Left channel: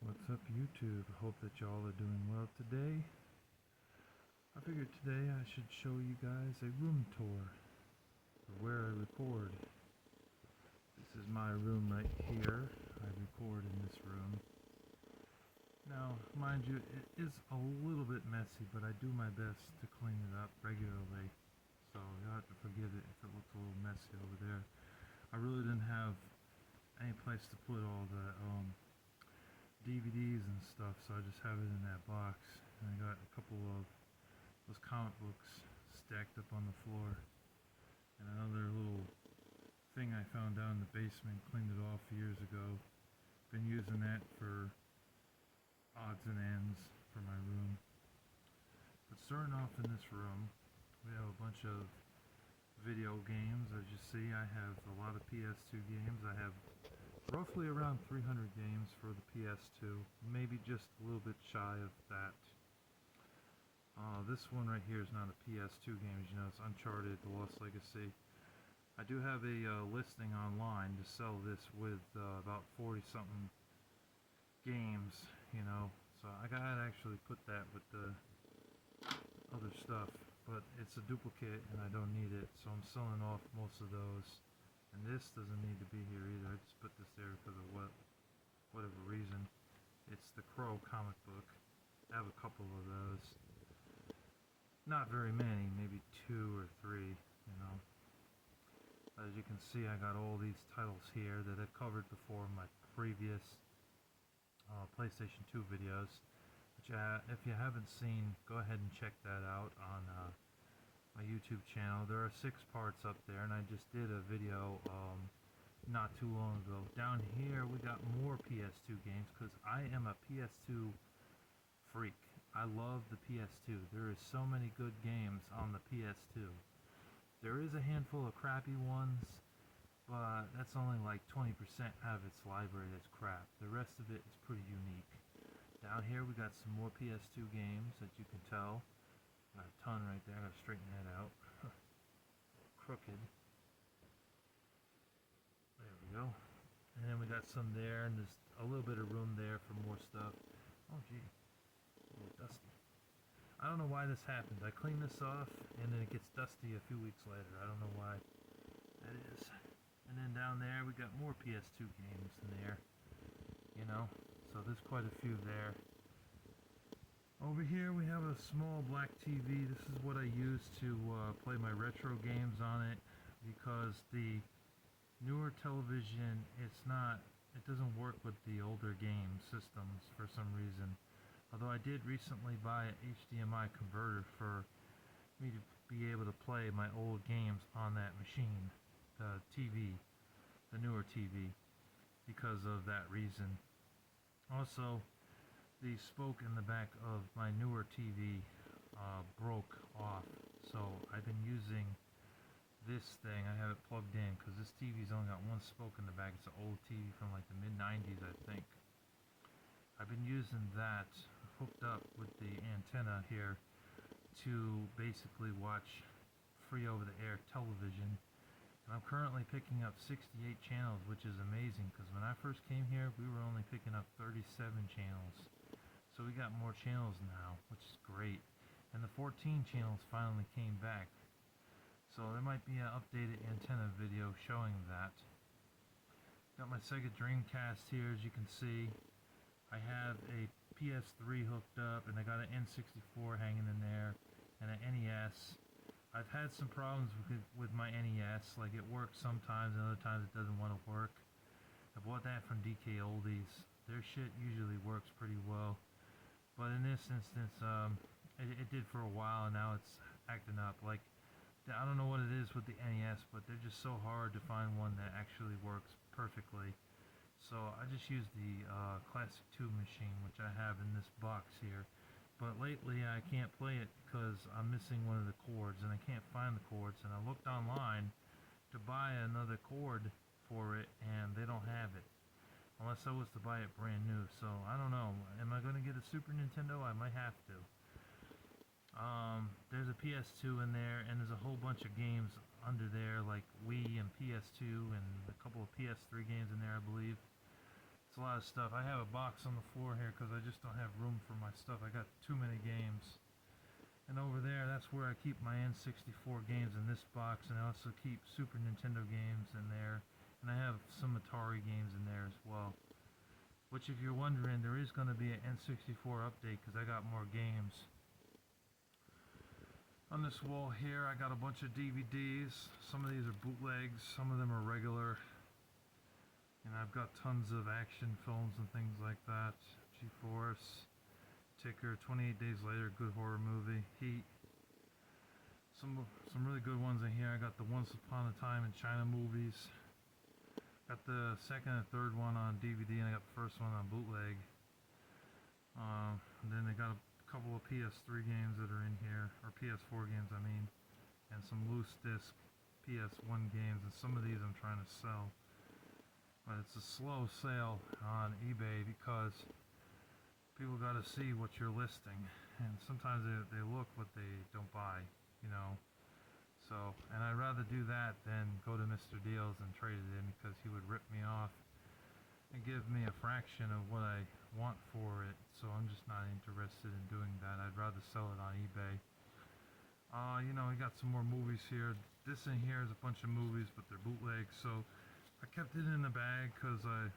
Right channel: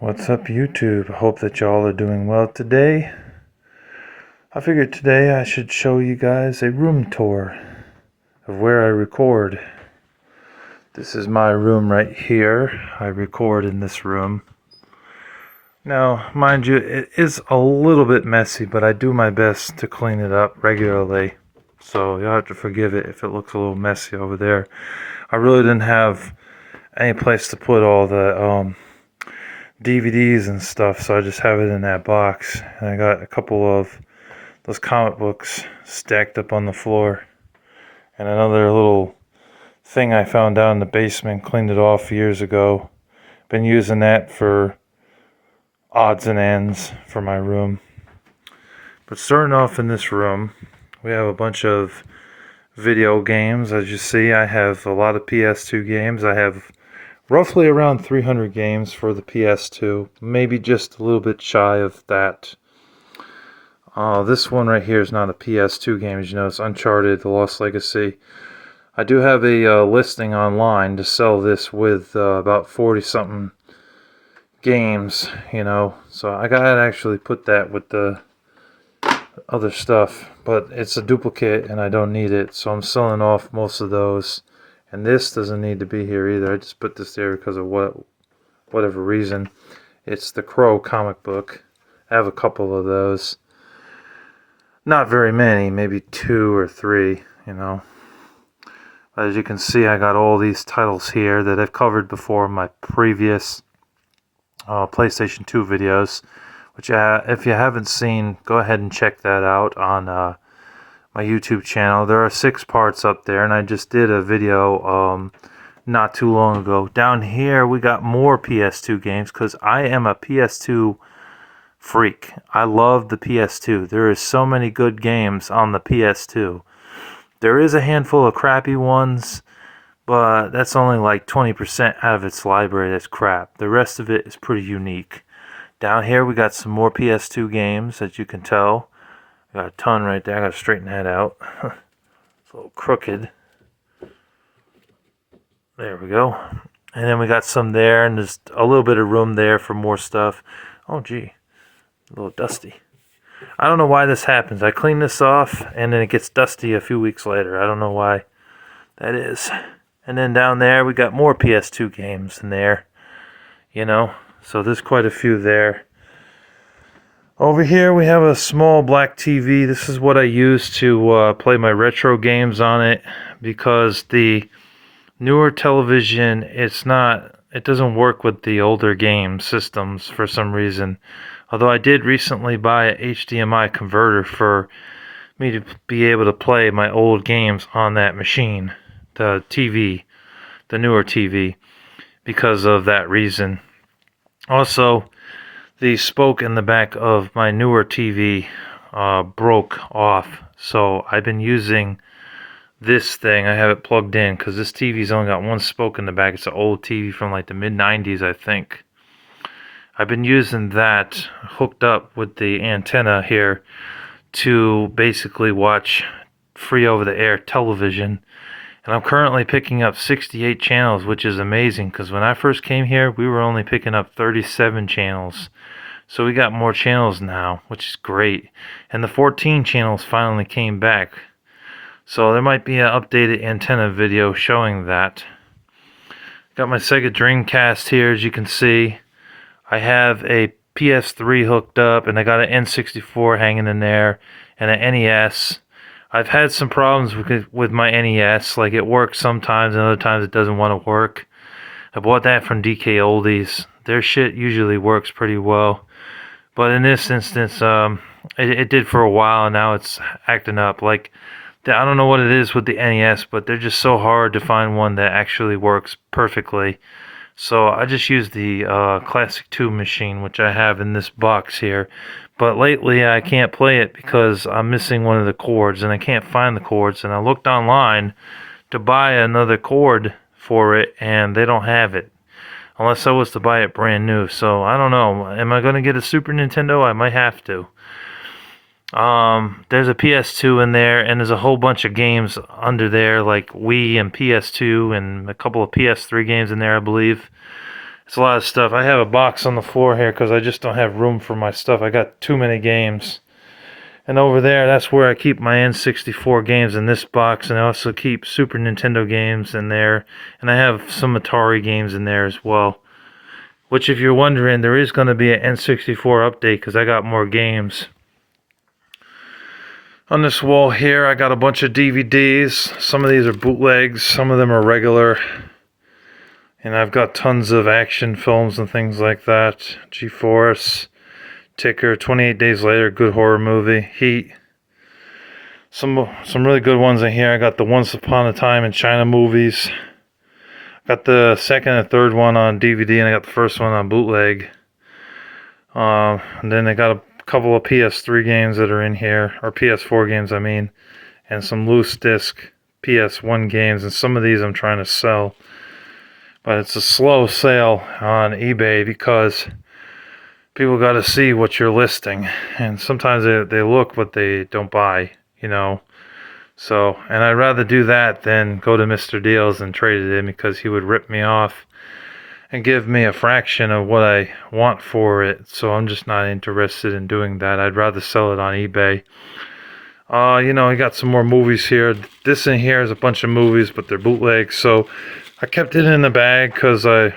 What's up, YouTube? I hope that y'all are doing well today. I figured today I should show you guys a room tour of where I record. This is my room right here. I record in this room. Now, mind you, it is a little bit messy, but I do my best to clean it up regularly. So you'll have to forgive it if it looks a little messy over there. I really didn't have any place to put all the DVDs and stuff, so I just have it in that box. And I got a couple of those comic books stacked up on the floor, and another little thing I found down in the basement, cleaned it off years ago. Been using that for odds and ends for my room. But starting off in this room, we have a bunch of video games. As you see, I have a lot of PS2 games. I have roughly around 300 games for the PS2, maybe just a little bit shy of that. This one right here is not a PS2 game, as you know. It's Uncharted: The Lost Legacy. I do have a listing online to sell this with about 40 something games, so I gotta actually put that with the other stuff, but it's a duplicate and I don't need it, so I'm selling off most of those. And this doesn't need to be here either. I just put this there because of whatever reason. It's the Crow comic book. I have a couple of those. Not very many, maybe 2 or 3, As you can see, I got all these titles here that I've covered before in my previous PlayStation 2 videos, which if you haven't seen, go ahead and check that out on my YouTube channel. There are 6 parts up there, and I just did a video not too long ago. Down here, we got more PS2 games, because I am a PS2 freak. I love the PS2. There is so many good games on the PS2. There is a handful of crappy ones, but that's only like 20% out of its library that's crap. The rest of it is pretty unique. Down here we got some more PS2 games, as you can tell. Got a ton right there. I gotta straighten that out. It's a little crooked. There we go. And then we got some there, and there's a little bit of room there for more stuff. Oh gee, a little dusty. I don't know why this happens. I clean this off, and then it gets dusty a few weeks later. I don't know why that is. And then down there, we got more PS2 games in there, So there's quite a few there. Over here, we have a small black TV. This is what I use to play my retro games on it, because the newer television, it doesn't work with the older game systems for some reason. Although I did recently buy a HDMI converter for me to be able to play my old games on that machine, the TV, the newer TV, because of that reason. Also, the spoke in the back of my newer TV broke off, so I've been using this thing. I have it plugged in because this TV's only got one spoke in the back. It's an old TV from like the mid-90s, I think. I've been using that hooked up with the antenna here to basically watch free over-the-air television. And I'm currently picking up 68 channels, which is amazing, because when I first came here, we were only picking up 37 channels. So we got more channels now, which is great. And the 14 channels finally came back. So there might be an updated antenna video showing that. Got my Sega Dreamcast here, as you can see. I have a PS3 hooked up, and I got an N64 hanging in there, and an NES. I've had some problems with my NES, like it works sometimes, and other times it doesn't want to work. I bought that from DK Oldies. Their shit usually works pretty well. But in this instance, it did for a while, and now it's acting up. Like, I don't know what it is with the NES, but they're just so hard to find one that actually works perfectly. So I just use the Classic 2 machine, which I have in this box here. But lately I can't play it because I'm missing one of the cords, and I can't find the cords. And I looked online to buy another cord for it, and they don't have it. Unless I was to buy it brand new. So I don't know. Am I going to get a Super Nintendo? I might have to. There's a PS2 in there, and there's a whole bunch of games under there, like Wii and PS2, and a couple of PS3 games in there, I believe. It's a lot of stuff. I have a box on the floor here because I just don't have room for my stuff. I got too many games. And over there, that's where I keep my N64 games in this box, and I also keep Super Nintendo games in there, and I have some Atari games in there as well. Which, if you're wondering, there is going to be an N64 update because I got more games. On this wall here, I got a bunch of DVDs. Some of these are bootlegs, some of them are regular. And I've got tons of action films and things like that. G-Force, Ticker, 28 Days Later, good horror movie. Heat. Some really good ones in here. I got the Once Upon a Time in China movies. Got the second and third one on DVD, and I got the first one on bootleg. And then I got a couple of PS3 games that are in here, or PS4 games, I mean, and some loose disc PS1 games, and some of these I'm trying to sell. But it's a slow sale on eBay because people got to see what you're listing, and sometimes they look but they don't buy, you know. So, and I'd rather do that than go to Mr. Deals and trade it in because he would rip me off and give me a fraction of what I want for it. So I'm just not interested in doing that. I'd rather sell it on eBay. You know, I got some more movies here. This in here is a bunch of movies, but they're bootlegs. So I kept it in the bag because the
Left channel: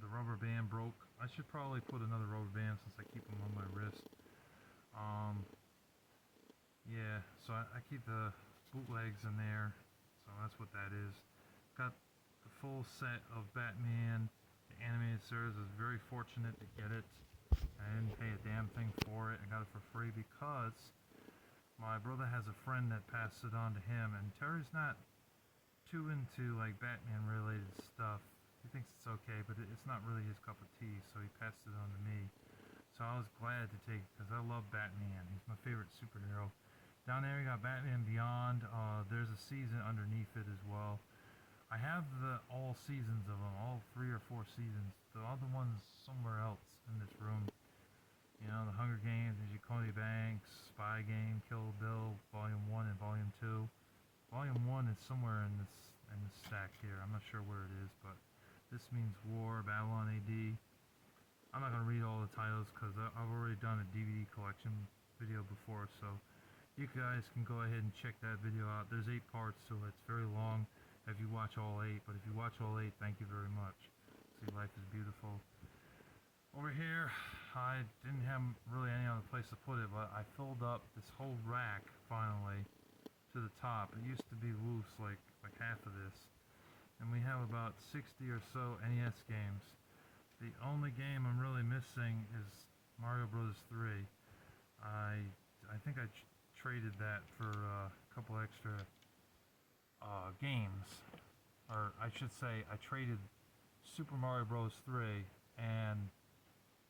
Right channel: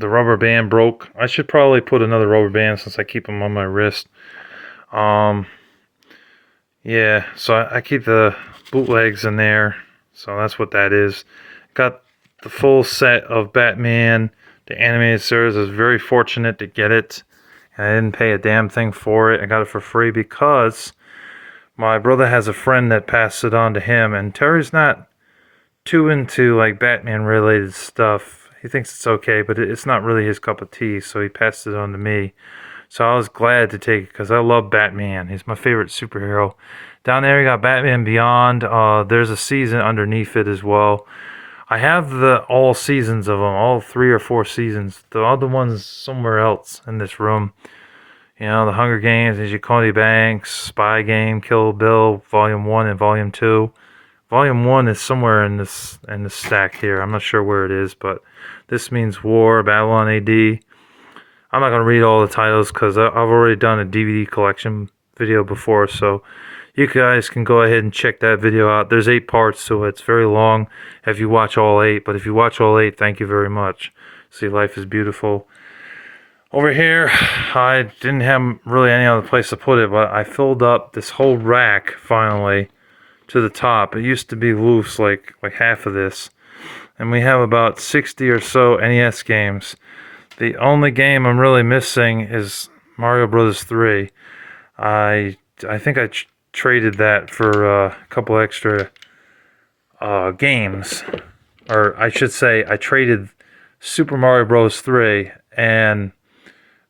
rubber band broke. I should probably put another rubber band since I keep them on my wrist. Yeah, so I keep the bootlegs in there. So that's what that is. Got the full set of Batman, the animated series. I was very fortunate to get it. And I didn't pay a damn thing for it. I got it for free because my brother has a friend that passed it on to him. And Terry's not too into like Batman related stuff. He thinks it's okay, but it's not really his cup of tea. So he passed it on to me. So I was glad to take it because I love Batman. He's my favorite superhero. Down there, we got Batman Beyond. There's a season underneath it as well. I have all seasons of them, all 3 or 4 seasons. The other ones somewhere else in this room. You know, The Hunger Games, Agent Cody Banks, Spy Game, Kill Bill, Volume 1 and Volume 2. Volume 1 is somewhere in this stack here. I'm not sure where it is, but This Means War, Babylon AD. I'm not going to read all the titles because I've already done a DVD collection video before, so you guys can go ahead and check that video out. There's 8 parts to it. It's very long if you watch all 8, but if you watch all 8, thank you very much. See, Life is Beautiful. Over here, I didn't have really any other place to put it, but I filled up this whole rack finally to the top. It used to be loose, like half of this. And we have about 60 or so NES games. The only game I'm really missing is Mario Bros. 3. I think I traded that for a couple extra games. Or I should say, I traded Super Mario Bros. 3 and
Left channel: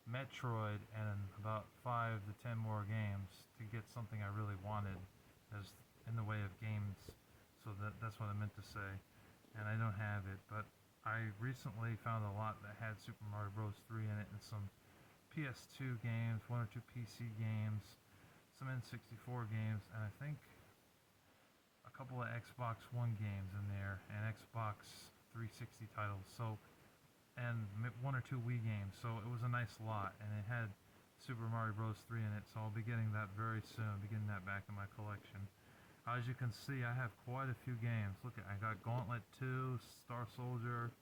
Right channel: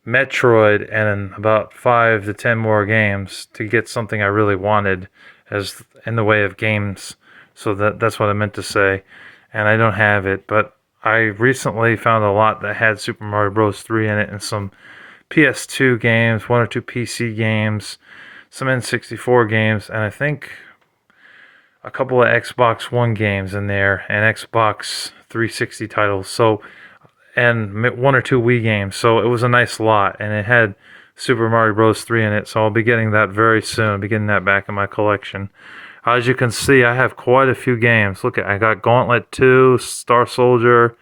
Metroid and about 5 to 10 more games to get something I really wanted as in the way of games. So that's what I meant to say. And I don't have it, but I recently found a lot that had Super Mario Bros. 3 in it and some PS2 games, 1 or 2 PC games, some N64 games, and I think a couple of Xbox One games in there and Xbox 360 titles. So, and 1 or 2 Wii games. So it was a nice lot, and it had Super Mario Bros. 3 in it. So I'll be getting that very soon. I'll be getting that back in my collection. As you can see, I have quite a few games. Look, I got Gauntlet 2, Star Soldier,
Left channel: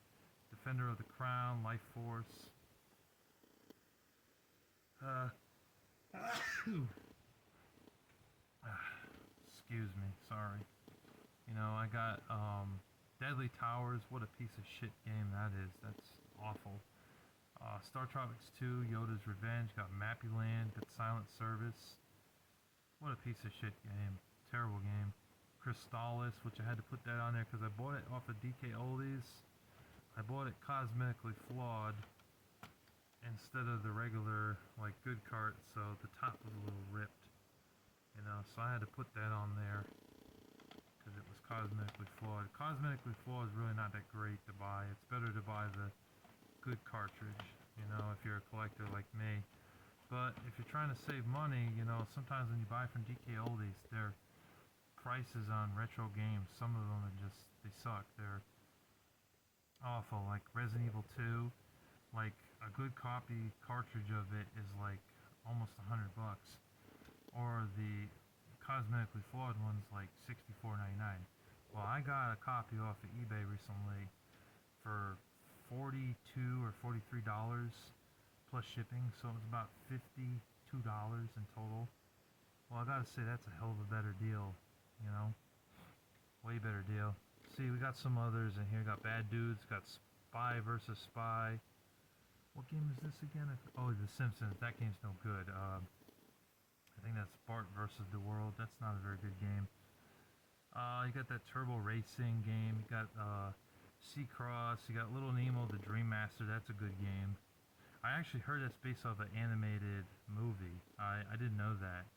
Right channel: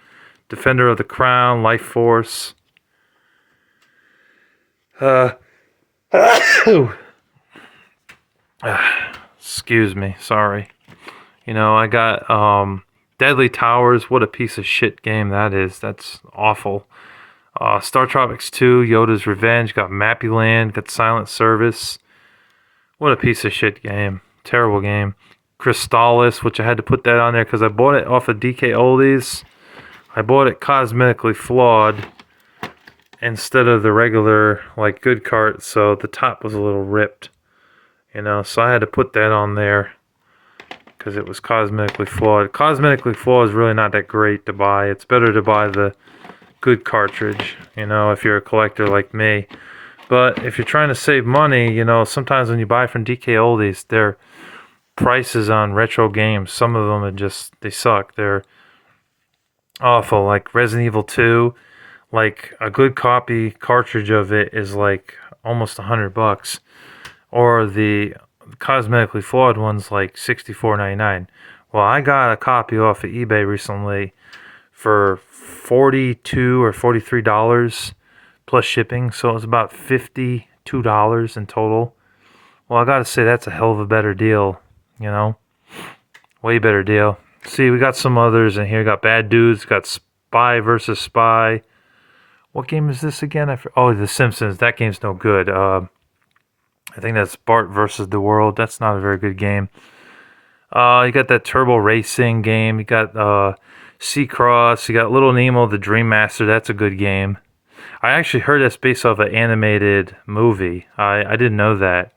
Defender of the Crown, Life Force. Excuse me, sorry. You know, I got Deadly Towers. What a piece of shit game that is. That's awful. Star Tropics 2, Yoda's Revenge. Got Mappy Land. Got Silent Service. What a piece of shit game. Terrible game. Crystalis, which I had to put that on there because I bought it off of DK Oldies. I bought it cosmetically flawed instead of the regular, like, good cart, so the top was a little ripped. You know, so I had to put that on there because it was cosmetically flawed. Cosmetically flawed is really not that great to buy. It's better to buy the good cartridge, you know, if you're a collector like me. But if you're trying to save money, you know, sometimes when you buy from DK Oldies, their prices on retro games, some of them are just, they suck. They're awful, like Resident Evil 2. like a good copy cartridge of it is like almost $100, or the cosmetically flawed one's like $64.99. Well, I got a copy off of eBay recently for $42 or $43 plus shipping, so it was about $52 in total. Well, I gotta say that's a hell of a better deal, you know, way better deal. See, we got some others in here. Got Bad Dudes, got Spy versus Spy. What game is this again? Oh, The Simpsons. That game's no good. I think that's Bart versus the World. That's not a very good game. You got that Turbo Racing game. You got Seacross. You got Little Nemo, the Dream Master. That's a good game. I actually heard that's based off an animated movie. I didn't know that,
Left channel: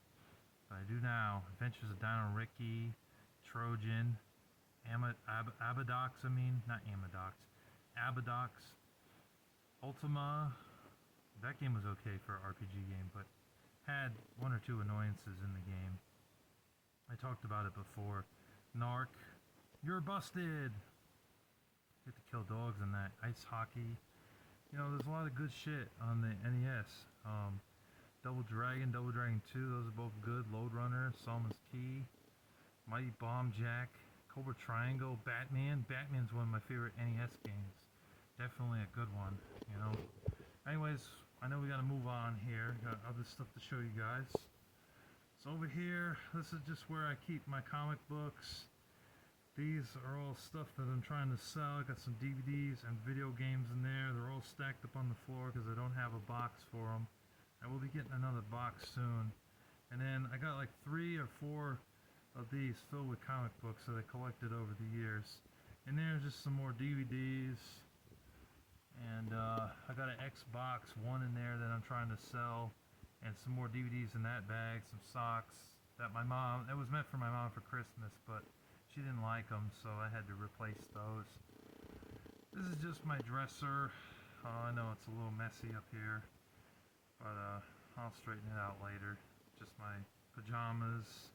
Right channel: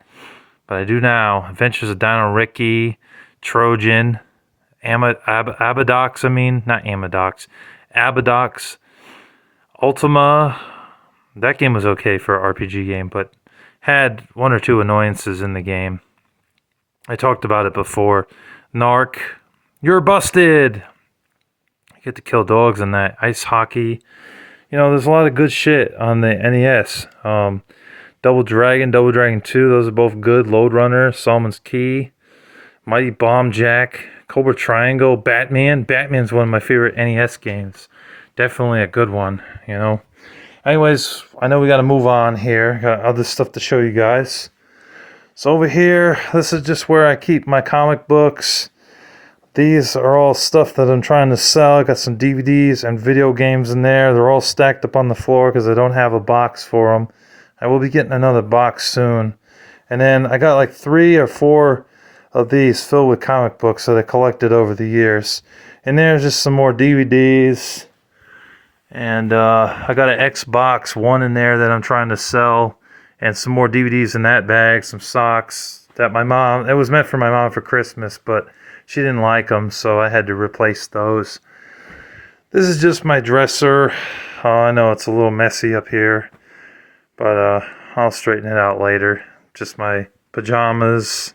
but I do now. Adventures of Dino Ricky, Trojan, Abadox. I mean, not Amadox. Abadox, Ultima. That game was okay for an RPG game, but had one or two annoyances in the game. I talked about it before. Narc, you're busted. You get to kill dogs in that. Ice hockey. You know, there's a lot of good shit on the NES. Double Dragon 2, those are both good. Lode Runner, Solomon's Key, Mighty Bomb Jack, Cobra Triangle, Batman. Batman's one of my favorite NES games. Definitely a good one, you know. Anyways, I know we got to move on here. Got other stuff to show you guys. So over here, this is just where I keep my comic books. These are all stuff that I'm trying to sell. I got some DVDs and video games in there. They're all stacked up on the floor because I don't have a box for them. I will be getting another box soon. And then I got like 3 or 4 of these filled with comic books that I collected over the years. And there's just some more DVDs. And I got an Xbox One in there that I'm trying to sell. And some more DVDs in that bag. Some socks that my mom... It was meant for my mom for Christmas, but she didn't like them, so I had to replace those. This is just my dresser. I know it's a little messy up here, but I'll straighten it out later. Just my pajamas,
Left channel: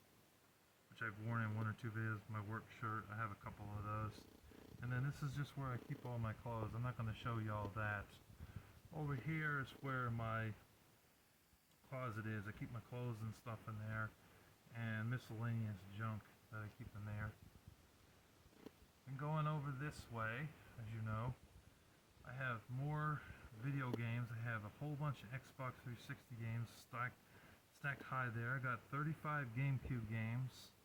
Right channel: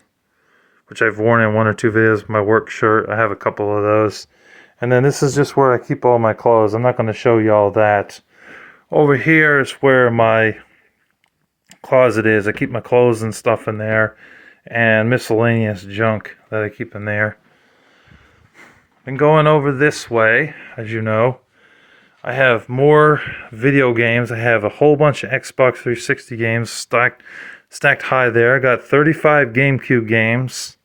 which I've worn in 1 or 2 videos. My work shirt, I have a couple of those. And then this is just where I keep all my clothes. I'm not going to show you all that. Over here is where my closet is. I keep my clothes and stuff in there, and miscellaneous junk that I keep in there. And going over this way, as you know, I have more video games. I have a whole bunch of Xbox 360 games stacked high there. I got 35 GameCube games,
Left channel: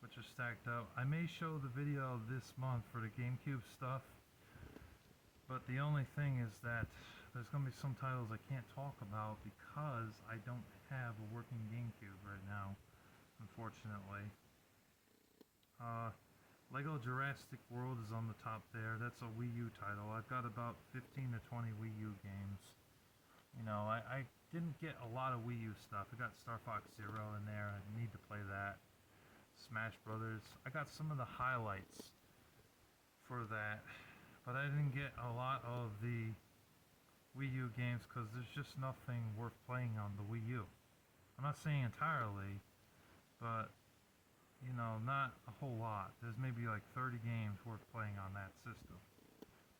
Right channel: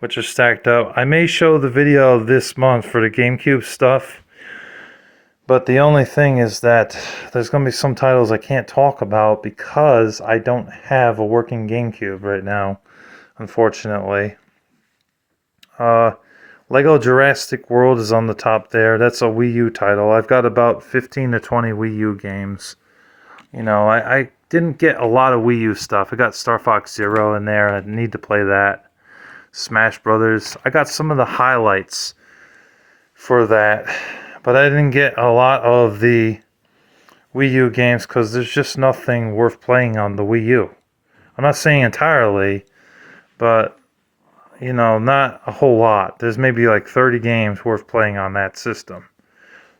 which are stacked up. I may show the video this month for the GameCube stuff, but the only thing is that there's going to be some titles I can't talk about because I don't have a working GameCube right now, unfortunately. Lego Jurassic World is on the top there. That's a Wii U title. I've got about 15 to 20 Wii U games. You know, I didn't get a lot of Wii U stuff. I got Star Fox Zero in there. I need to play that. Smash Brothers. I got some of the highlights for that, but I didn't get a lot of the Wii U games because there's just nothing worth playing on the Wii U. I'm not saying entirely, but you know, not a whole lot. There's maybe like 30 games worth playing on that system.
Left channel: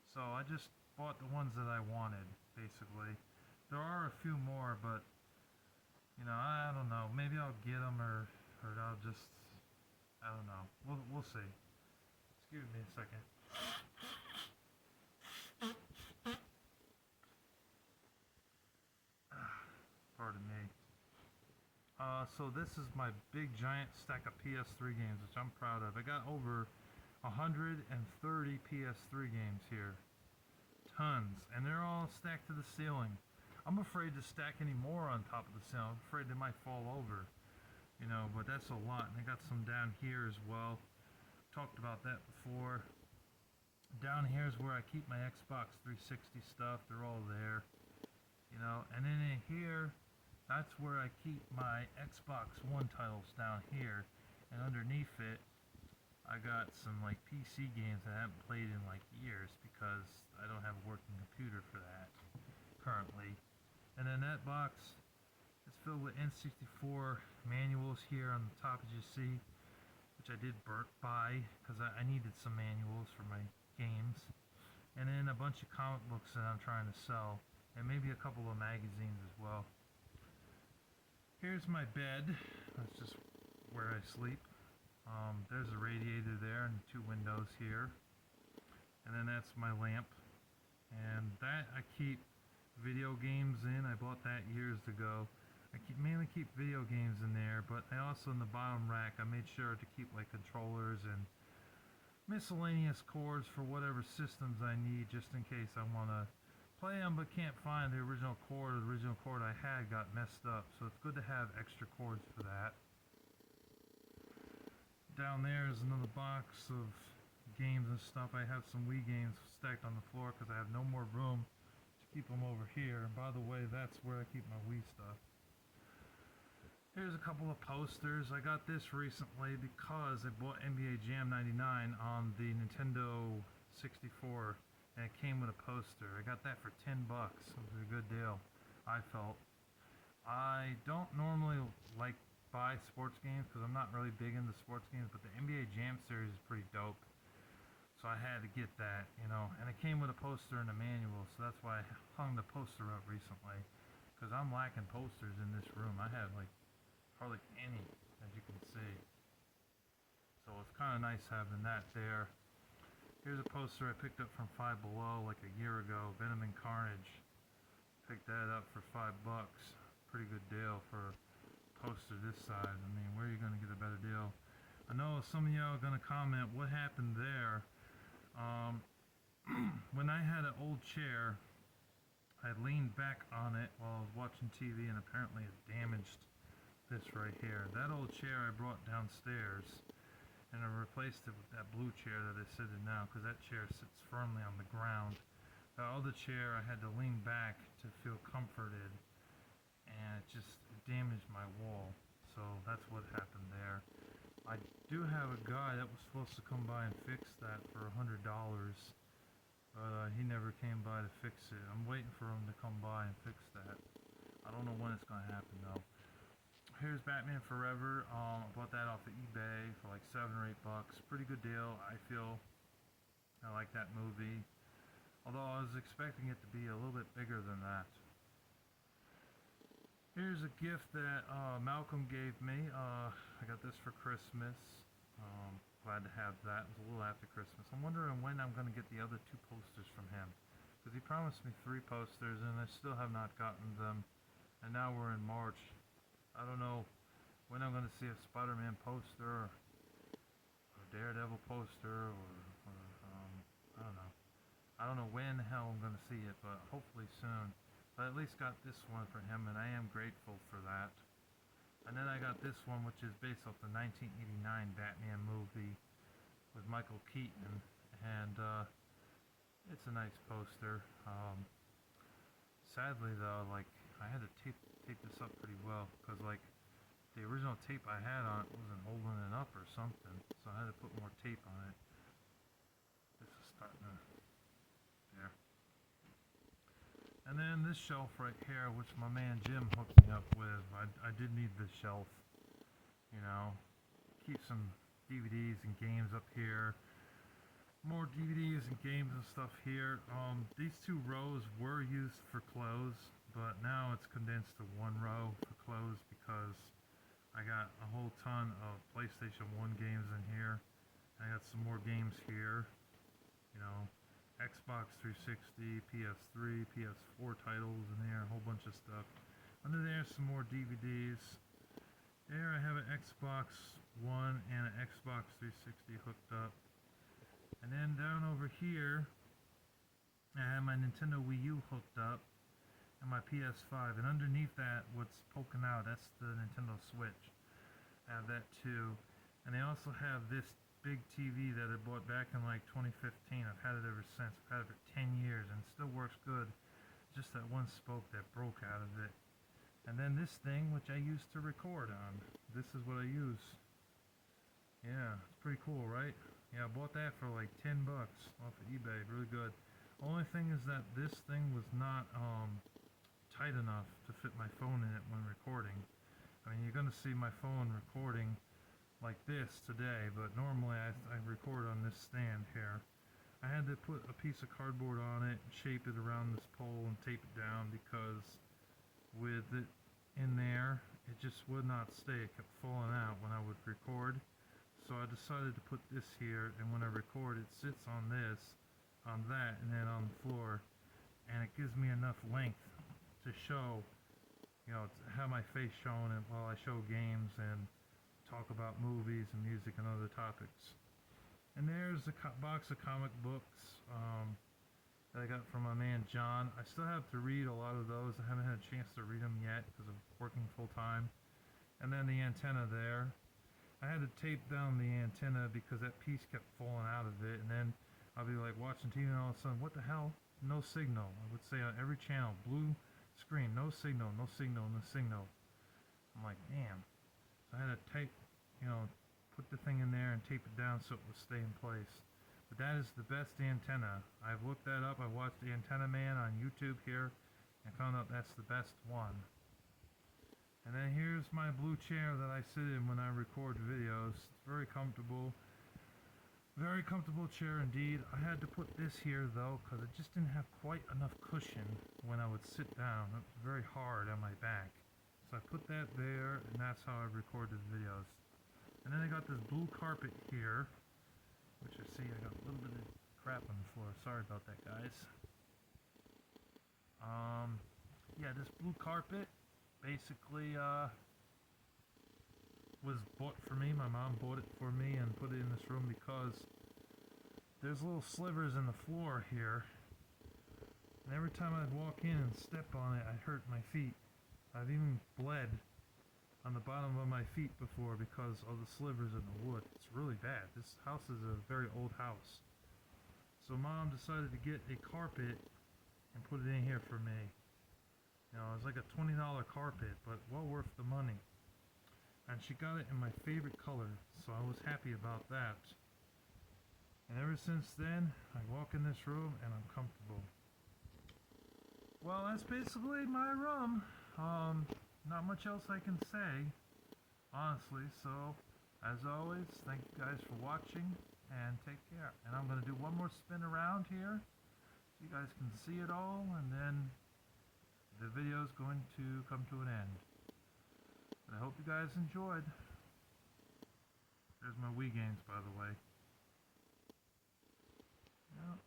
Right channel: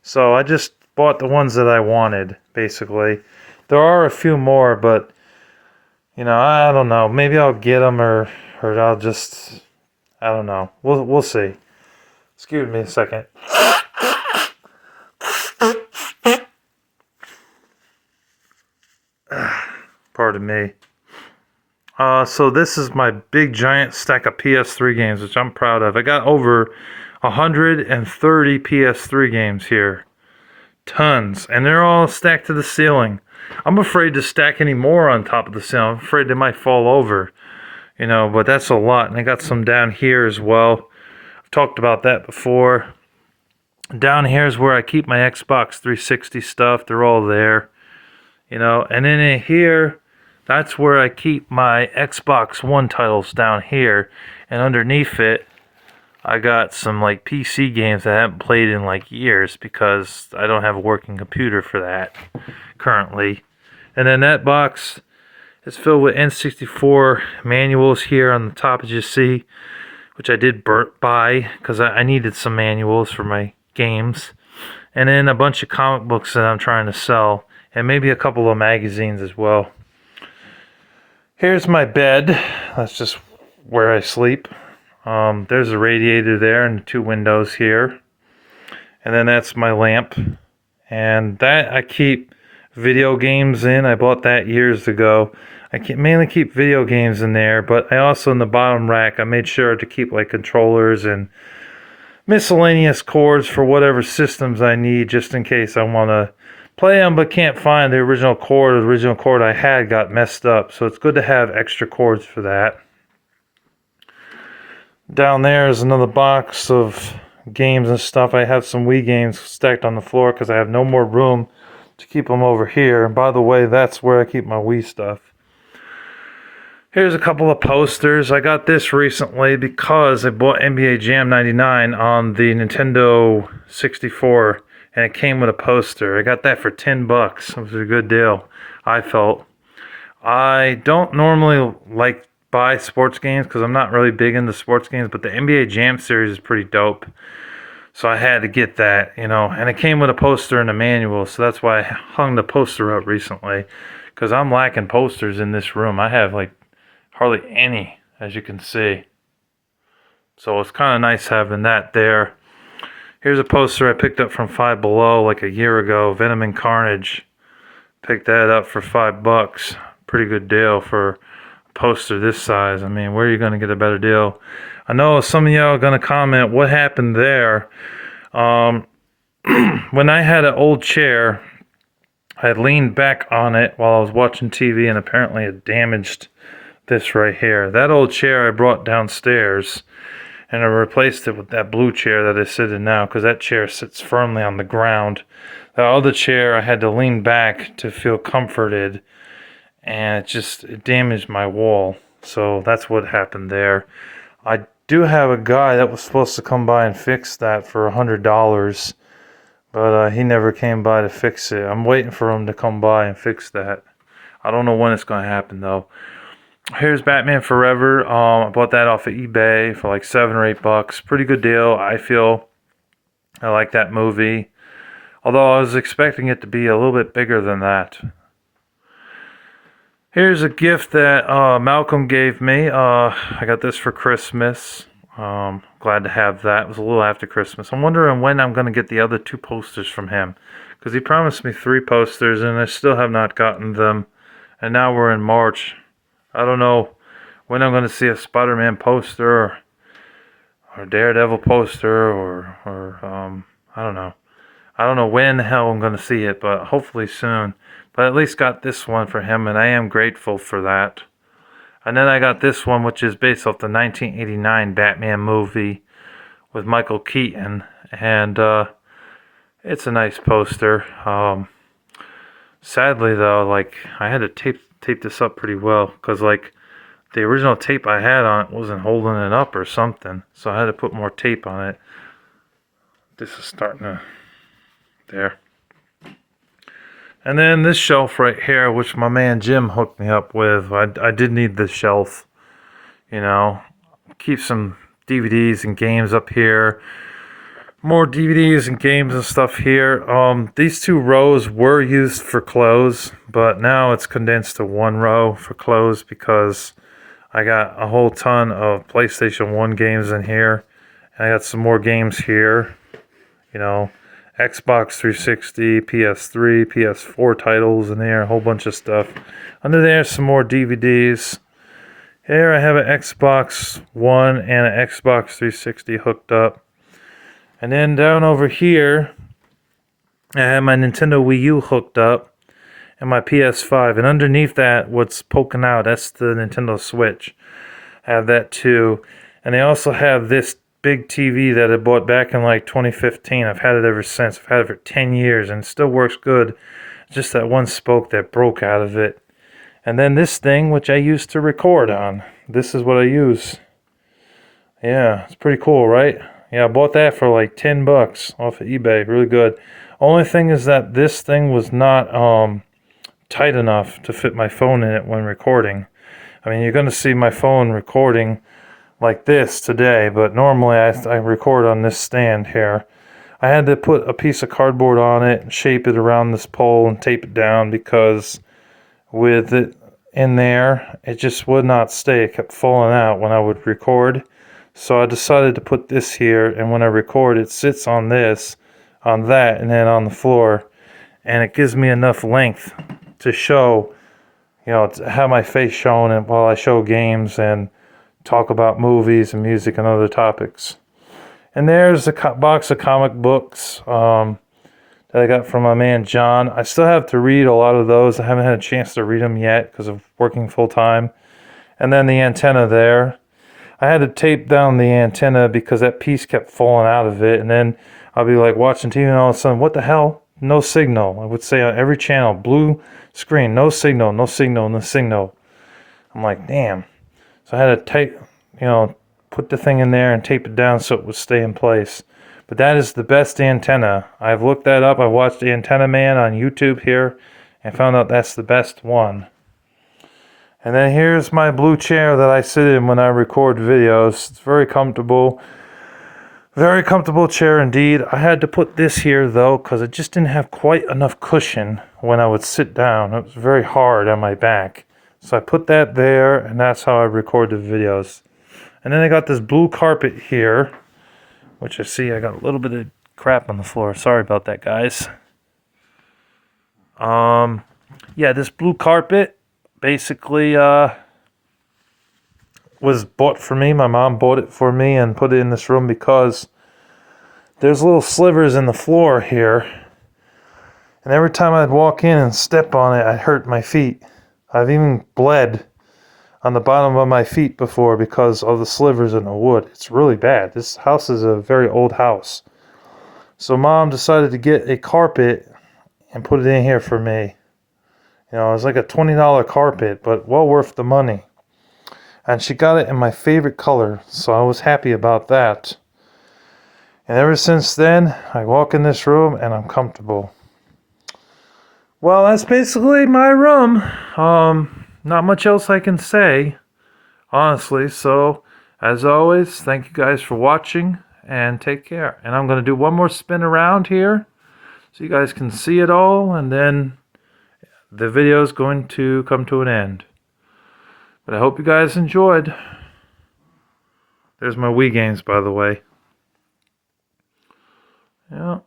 So I just bought the ones that I wanted, basically. There are a few more, but, you know, I don't know. Maybe I'll get them or I'll just, I don't know. We'll see. Excuse me a second. Pardon me. So this is my big giant stack of PS3 games, which I'm proud of. I got over 130 PS3 games here. Tons. And they're all stacked to the ceiling. I'm afraid to stack any more on top of the ceiling. I'm afraid they might fall over. You know, but that's a lot. And I got some down here as well. I've talked about that before. Down here is where I keep my Xbox 360 stuff. They're all there. You know, and then in here, that's where I keep my Xbox One titles down here. And underneath it, I got some like PC games that I haven't played in like years because I don't have a working computer for that currently. And then that box is filled with N64 manuals here on the top, as you see, which I did buy because I needed some manuals for my games. and then a bunch of comic books that I'm trying to sell, and maybe a couple of magazines as well. Here's my bed. That's just where I sleep. There's a radiator there and 2 windows here. And then that's my lamp. And that I keep video games in. I bought that years ago. Mainly keep video games in there, but I also, in the bottom rack, I made sure to keep like controllers and miscellaneous cords for whatever systems I need, just in case I want to play them but can't find the original cord. The original cord I had got messed up, so it's good to have extra cords for that. Down there is another box of games and stuff. I have some Wii games stacked on the floor because I have no more room to keep them over here. And by the way, that's where I keep my Wii stuff. Here's a couple of posters. I got this recently because I bought NBA Jam 99 on the Nintendo 64, and it came with a poster. I got that for $10. It was a good deal, I felt. I don't normally like buy sports games because I'm not really big into sports games, but the NBA Jam series is pretty dope. So I had to get that, and it came with a poster and a manual, so that's why I hung the poster up recently, because I'm lacking posters in this room. I have like hardly any, as you can see. So it's kind of nice having that there. Here's a poster I picked up from Five Below like a year ago, Venom and Carnage. Picked that up for $5. Pretty good deal for a poster this size. I mean, where are you going to get a better deal? I know some of y'all are going to comment, what happened there? When I had an old chair, I leaned back on it while I was watching TV, and apparently it damaged this right here. That old chair I brought downstairs, and I replaced it with that blue chair that I sit in now, because that chair sits firmly on the ground. The other chair I had to lean back to feel comforted, and it damaged my wall. So that's what happened there. I do have a guy that was supposed to come by and fix that for $100, but he never came by to fix it. I'm waiting for him to come by and fix that. I don't know when it's going to happen though. Here's Batman Forever. I bought that off of eBay for like $7 or $8. Pretty good deal, I feel. I like that movie. Although I was expecting it to be a little bit bigger than that. Here's a gift that Malcolm gave me. I got this for Christmas. Glad to have that. It was a little after Christmas. I'm wondering when I'm going to get the other 2 posters from him, because he promised me 3 posters and I still have not gotten them. And now we're in March. I don't know when I'm going to see a Spider-Man poster or Daredevil poster or I don't know. I don't know when the hell I'm going to see it, but hopefully soon. But at least got this one for him, and I am grateful for that. And then I got this one, which is based off the 1989 Batman movie with Michael Keaton. And it's a nice poster. Sadly, though, like, I had to tape this up pretty well, because, like, the original tape I had on it wasn't holding it up or something. So I had to put more tape on it. This is starting to... there. And then this shelf right here, which my man Jim hooked me up with. I did need this shelf, keep some DVDs and games up here. More DVDs and games and stuff here. These 2 rows were used for clothes, but now it's condensed to 1 row for clothes because I got a whole ton of PlayStation 1 games in here. And I got some more games here, Xbox 360, PS3, PS4 titles in there, a whole bunch of stuff. Under there, some more DVDs. Here I have an Xbox One and an Xbox 360 hooked up. And then down over here, I have my Nintendo Wii U hooked up and my PS5. And underneath that, what's poking out, that's the Nintendo Switch. I have that too. And they also have this big TV that I bought back in like 2015. I've had it ever since. I've had it for 10 years and it still works good. Just that one spoke that broke out of it. And then this thing, which I used to record on. This is what I use. Yeah, it's pretty cool, right? Yeah, I bought that for like $10 off of eBay. Really good. Only thing is that this thing was not tight enough to fit my phone in it when recording. I mean, you're going to see my phone recording like this today, but normally I record on this stand here. I had to put a piece of cardboard on it and shape it around this pole and tape it down because with it in there, it just would not stay. It kept falling out when I would record. So I decided to put this here, and when I record, it sits on this, on that, and then on the floor. And it gives me enough length to show, to have my face shown and while I show games and talk about movies and music and other topics. And there's a box of comic books that I got from my man John. I still have to read a lot of those. I haven't had a chance to read them yet because of working full time. And then the antenna there. I had to tape down the antenna because that piece kept falling out of it. And then I'll be like watching TV and all of a sudden, what the hell? No signal. I would say on every channel, blue screen, no signal, no signal, no signal. I'm like, damn. So I had to tape, put the thing in there and tape it down so it would stay in place. But that is the best antenna. I've looked that up. I watched the Antenna Man on YouTube here and found out that's the best one. And then here's my blue chair that I sit in when I record videos. It's very comfortable. Very comfortable chair indeed. I had to put this here though because it just didn't have quite enough cushion when I would sit down. It was very hard on my back. So I put that there, and that's how I record the videos. And then I got this blue carpet here, which I see I got a little bit of crap on the floor. Sorry about that, guys. Yeah, this blue carpet basically was bought for me. My mom bought it for me and put it in this room because there's little slivers in the floor here. And every time I'd walk in and step on it, I'd hurt my feet. I've even bled on the bottom of my feet before because of the slivers in the wood. It's really bad. This house is a very old house. So Mom decided to get a carpet and put it in here for me. It was like a $20 carpet, but well worth the money. And she got it in my favorite color, so I was happy about that. And ever since then, I walk in this room and I'm comfortable. Well, that's basically my room. Not much else I can say, honestly. So, as always, thank you guys for watching and take care. And I'm going to do one more spin around here so you guys can see it all, and then the video is going to come to an end. But I hope you guys enjoyed. There's my Wii games, by the way. Yeah.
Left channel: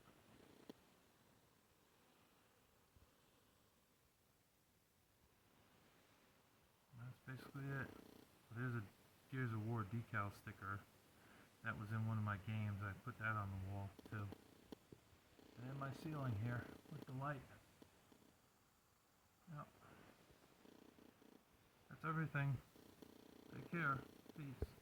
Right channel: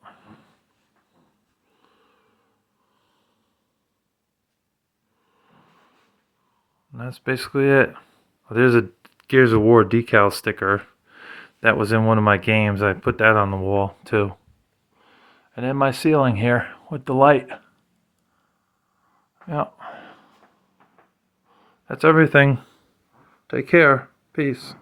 And that's basically it. There's a Gears of War decal sticker that was in one of my games. I put that on the wall too. And then my ceiling here with the light. Yeah. That's everything. Take care. Peace.